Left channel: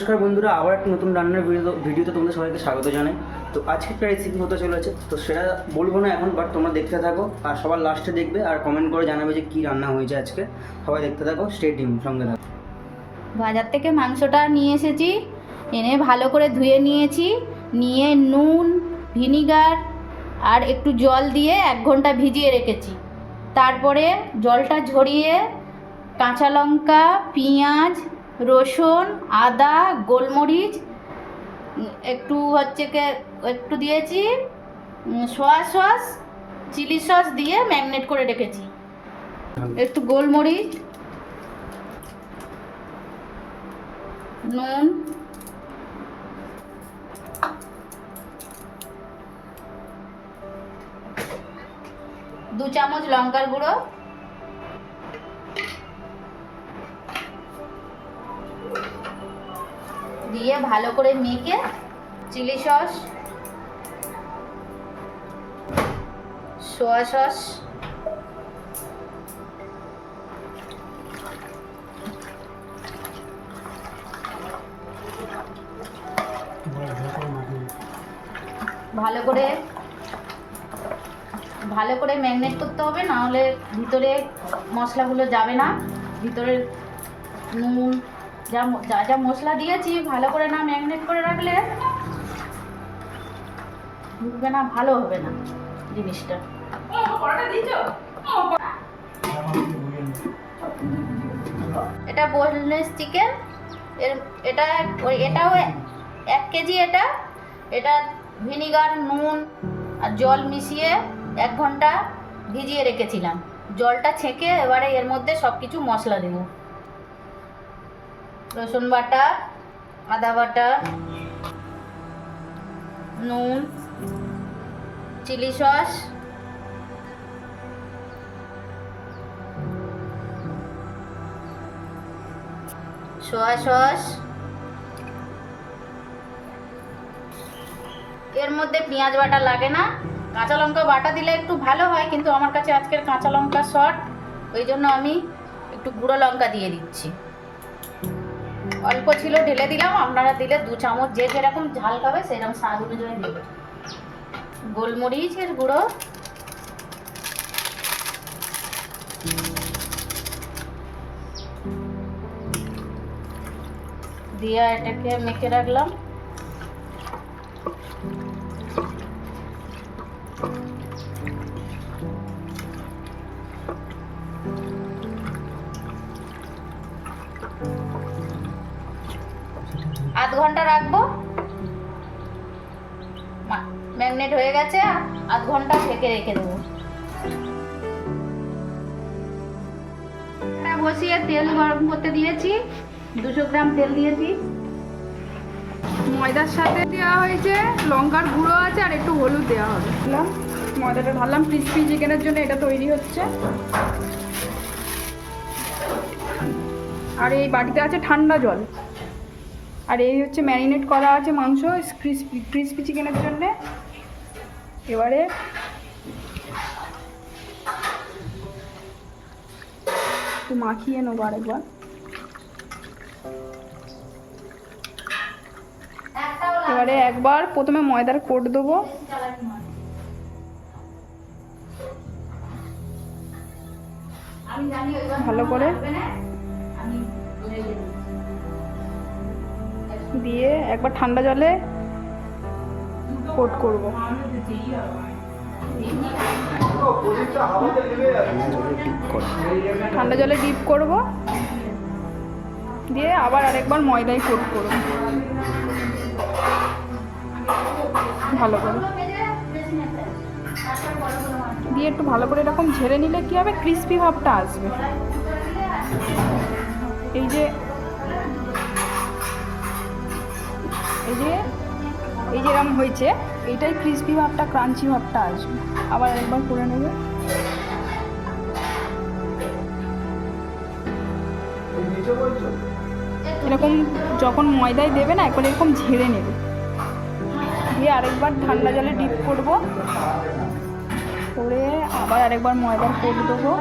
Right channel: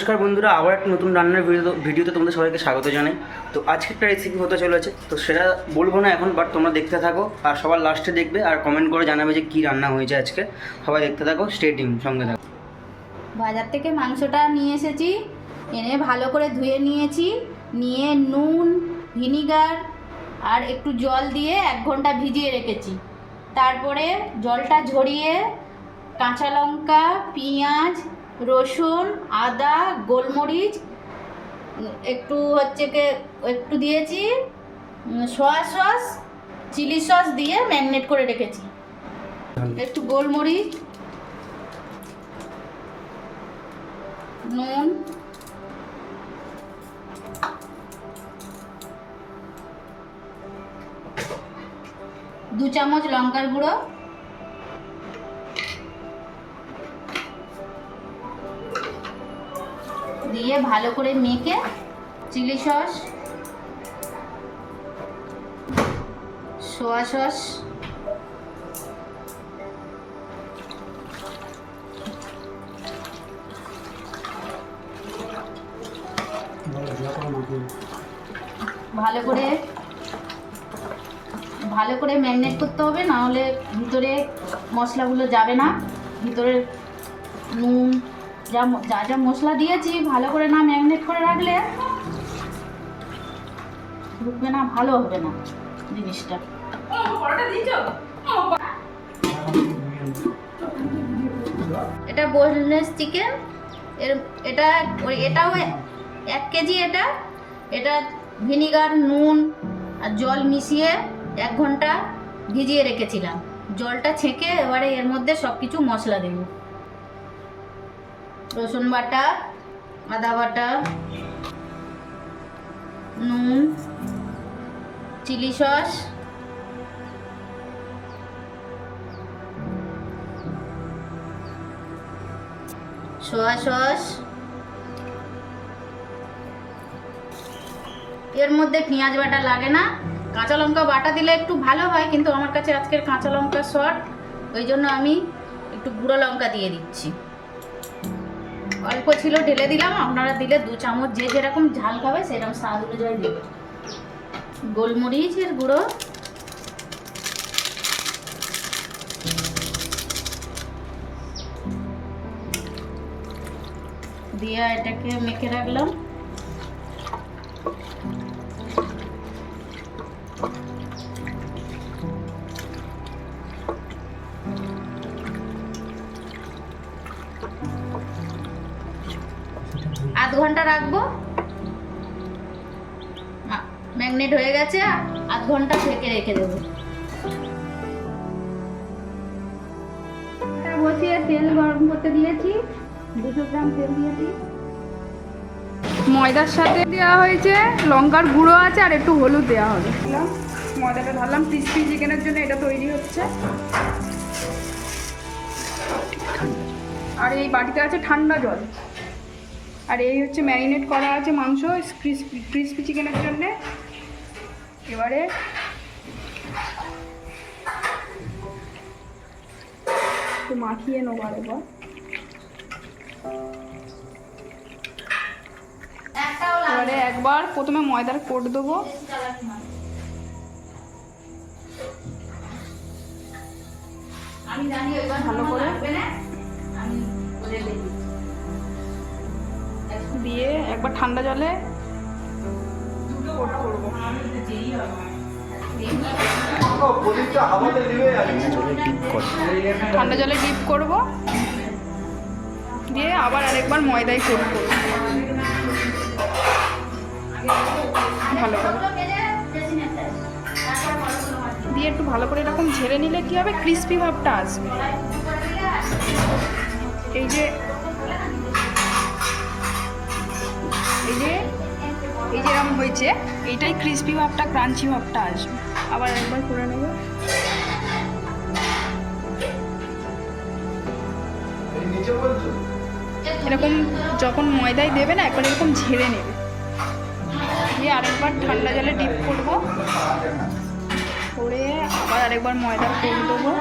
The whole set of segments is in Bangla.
নমস্কার বন্ধুরা, আবার একটা নতুন রান্নার ভিডিওতে তোমাদের সবাইকে স্বাগত জানাই। তো আজকে একটা রেসিপি হতে চলেছে, তো সেটা বলবো না এখন, বাট তোমরা দেখতে থাকো আর সবার লাস্টে দেখবে আর কমেন্ট করে জানাবে যে কী রান্না হয়েছে আজকে। সবাই দেখতে থাকো, স্টে টিউন, সঙ্গে থাকো। বাজার থেকে মাংসটা নিয়ে এসেছি, এনে ভালো করে ধুয়ে নিয়েছি, নিয়ে নুন, ভিনিগার আর একটু জল দিয়ে 1 ঘন্টা ভিজিয়ে রেখেছি। তারপরে জলটা ঝরিয়ে কাঁচা লঙ্কা, পেঁয়াজ, রসুন, আদা, গোলমরিচ একটু দিয়েছি, সোয়া সস, চিলি সস দিয়ে ম্যারিনেট করে রেখেছি। একটু গোলমরিচ, নুন, দু চামচ লঙ্কার গুঁড়ো, দিয়ে ভালো করে মেখে চিলি সস, সোয়া সস, ভালো করে ম্যারিনেট করতে হবে, না হলে ভিতরে মশলাগুলো যাবে না। ভিতরে নুন যা যা মশলা দিয়েছি ভালো করে না ম্যারিনেট করে রাখলে ঢুকবে না, ভালো হবে না জিনিসটা। এটা বোনলেস চিকেন, এটাও 1 কেজি। এটা ভিনিগার, নুন আর জল মিশিয়ে 1 ঘন্টা ভিজিয়ে রেখেছিলাম। জলটা ছেঁকে এবারে এর মধ্যে সব কিছু মশলা দেব। রসুন বাটা, আদা বাটা, নুন, চিলি সস, সোয়া সস, এর মধ্যে পেঁয়াজ বাটা লাগে না, কাঁচা লঙ্কা বাটা দিলে একটু ভালো হয়, কিন্তু আমার কাছে আজকের কাঁচা লঙ্কা শর্ট, ওই জন্য আমি একটু গুঁড়ো লঙ্কা দিয়ে দিচ্ছি। অল্প ছিল ঢেলে দিলাম, আপনারা দিলে 2 চামচ, যে যেরকম ঝাল খাবে সেরকম স্বাদ অনুযায়ী দেবে। গোলমরিচের গুঁড়ো, দিয়ে এটাকে মেখে রাখলাম। আধ ঘন্টা রাখবো, ম্যাগনেট হয়ে গেছে। আধ ঘন্টা ঢেকে রেখে দেবো। বসিয়ে তেল গরম করতে দিয়েছি, 200 গ্রাম তেল দিয়েছি। ময়দার সাথে দেওয়া হয়েছে লঙ্কার গুঁড়ো আছে আর একটু হলুদ দেওয়া হবে। ময়দাটা ঢাললাম, ক্রিসপি চিকেনের জন্য এটা তৈরি হচ্ছে। আর এই বাটিতে আছে ঠান্ডা জল, আর এই হচ্ছে ম্যারিনেট করা আছে মাংস ক্রিসপি চিকেনের জন্যে। এবারে একটু মাখিয়ে নেবো আরেকবার। এবারে একবার প্রথমে ময়দার কোট দেবো, ভালো করে দিয়ে একবার ঠান্ডা জলে কোট করবো। ঠান্ডা জলে ডিপ করবো, দিয়ে আবার আরেকবার ময়দায় কোট করবো ভালো করে, দিয়ে একটু ভালো করে এরকম ঝেড়ে নিলে কি হবে, ক্রিস্পি ভাবটা আসবে। এই যে এরকম হয়েছে, এইটাই ক্রিস্পি ভাবটা, ক্রাঞ্চি ভাবটা আসবে। আবার একবার করে নেব। এরকম যখন ময়দায় দেবে না, এখন এরকম ঝেড়ে নেবে, দিয়ে আরেকবার ঠান্ডা জলে ডিপ করবো, করে আবার আরেকবার ময়দার কোট দেবো।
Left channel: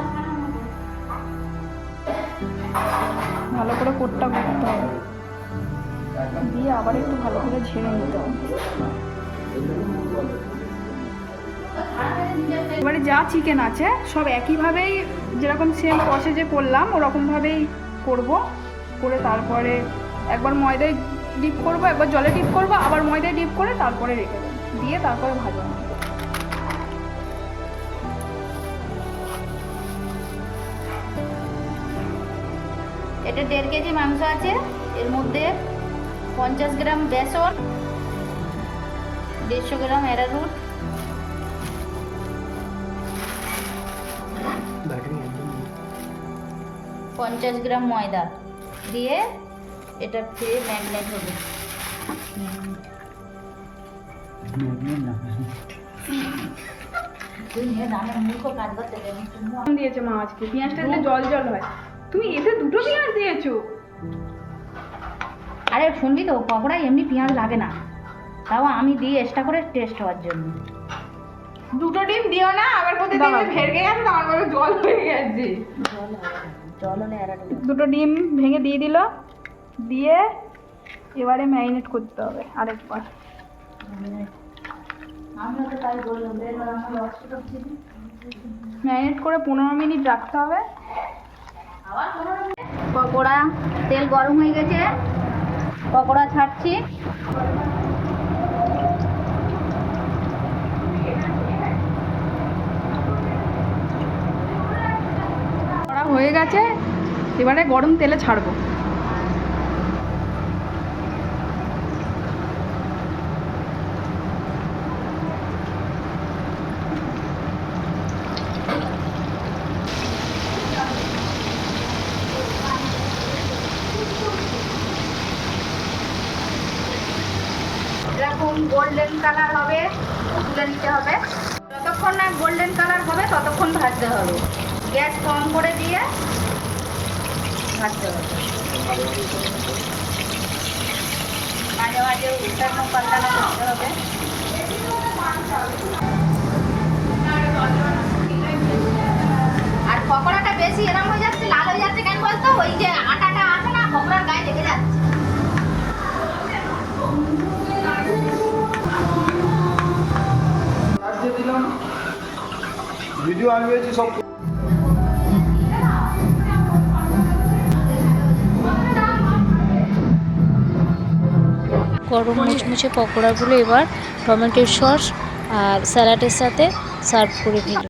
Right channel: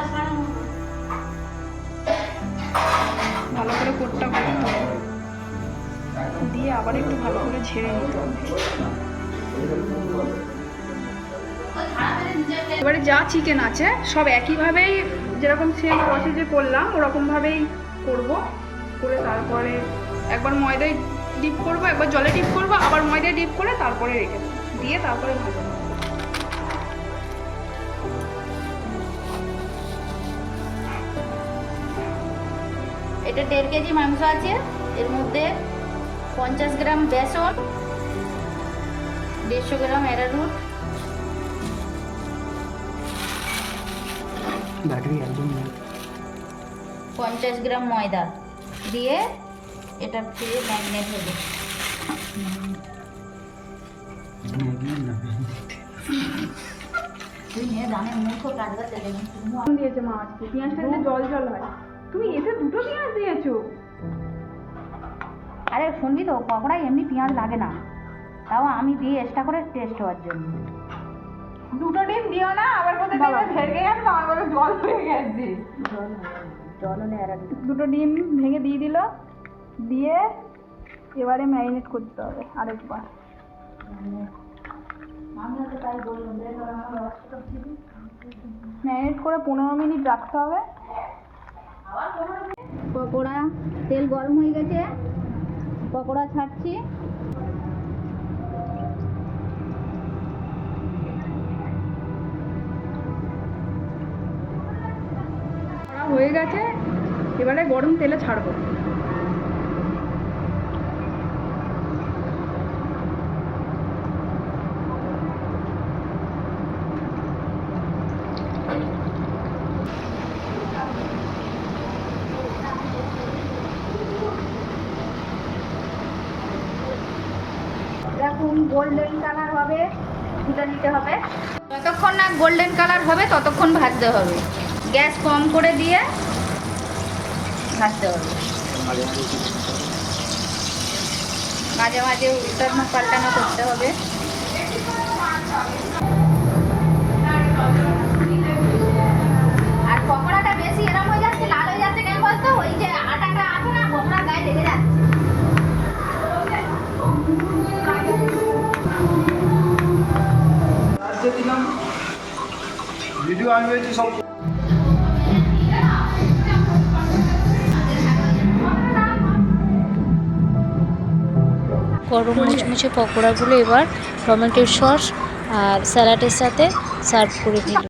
ভালো করে কোটটা করতে হবে। দিয়ে আবার একটু ভালো করে ঝেড়ে নিতে হবে। এবারে যা চিকেন আছে সব একইভাবেই যেরকম সেম প্রসেসে করলাম ওরকমভাবেই করব, করে তারপরে একবার ময়দায় ডিপ করব, একবার জলে ডিপ করব, আবার ময়দায় ডিপ করে তারপরে রেখে দেবো, দিয়ে তারপরে ভাজা হবে। এটা 1.5 কেজি মাংস আছে, এর মধ্যে 50 গ্রাম বেসন, 150 গ্রাম অ্যারারুট, ব্যাটারি একদম নেই। 50 গ্রাম ময়দা দিয়ে এটা ফিরে ম্যারিনেট হবে। তুই নিয়ে জানে মূর্খ কাজ করতে দেবে। দিয়েছে মা আজকে, পেঁয়াজটা দিলে জল জল হয়। তুমি এতে দুটো পেঁয়াজ দিয়েছো? আরে শুনবি তো, পকোড়ায় এমনি পেঁয়াজ লাগে না, তাও আমি দিই এক্সট্রা করে টেস্ট হওয়ার জন্য। দুটো ডিম দিও না, আবার কোথায় দেখবে ভেঙে গেছে, আমার বলে জল হয়ে গেছে। জল হলে অ্যারারুট। দুটো ডিম ভেঙে দিয়ে দিল, দিয়ে এবারে ম্যারিনেট করতে হবে আরেকবার। আমিও তো তাই বললাম, ম্যারিনেট করে 15 মিনিট রাখতে হবে। পকোড়া, তেল গরম হয়ে গেছে, পকোড়া ছাড়ছি। করা হয়ে গেছে, এবারে গরম তেলে ছাড়বো। এরকম গোল্ডেন কালার হবে, তুলে নিতে হবে। যতক্ষণ না গোল্ডেন কালার হবে ততক্ষণ ভাজতে হবে, গ্যাস কম করে দিয়ে ভাজতে হবে। মাঝে মাঝে উল্টানো পাল্টানো করতে হবে। আর পকোড়াটা বেশি এরম হয়ে যাচ্ছে, লাল হয়ে যাচ্ছে কেন বলতো? ওই যে আটাটা আছে না, পকোড়ার গায়ে লেগে যাচ্ছে। ভিডিও আমি হয়েছি সব গরম মুচমুচে পকোড়াগুলো এবার টমেটোর সস আর স্যালাডের সাথে সার্ভ করে দিল।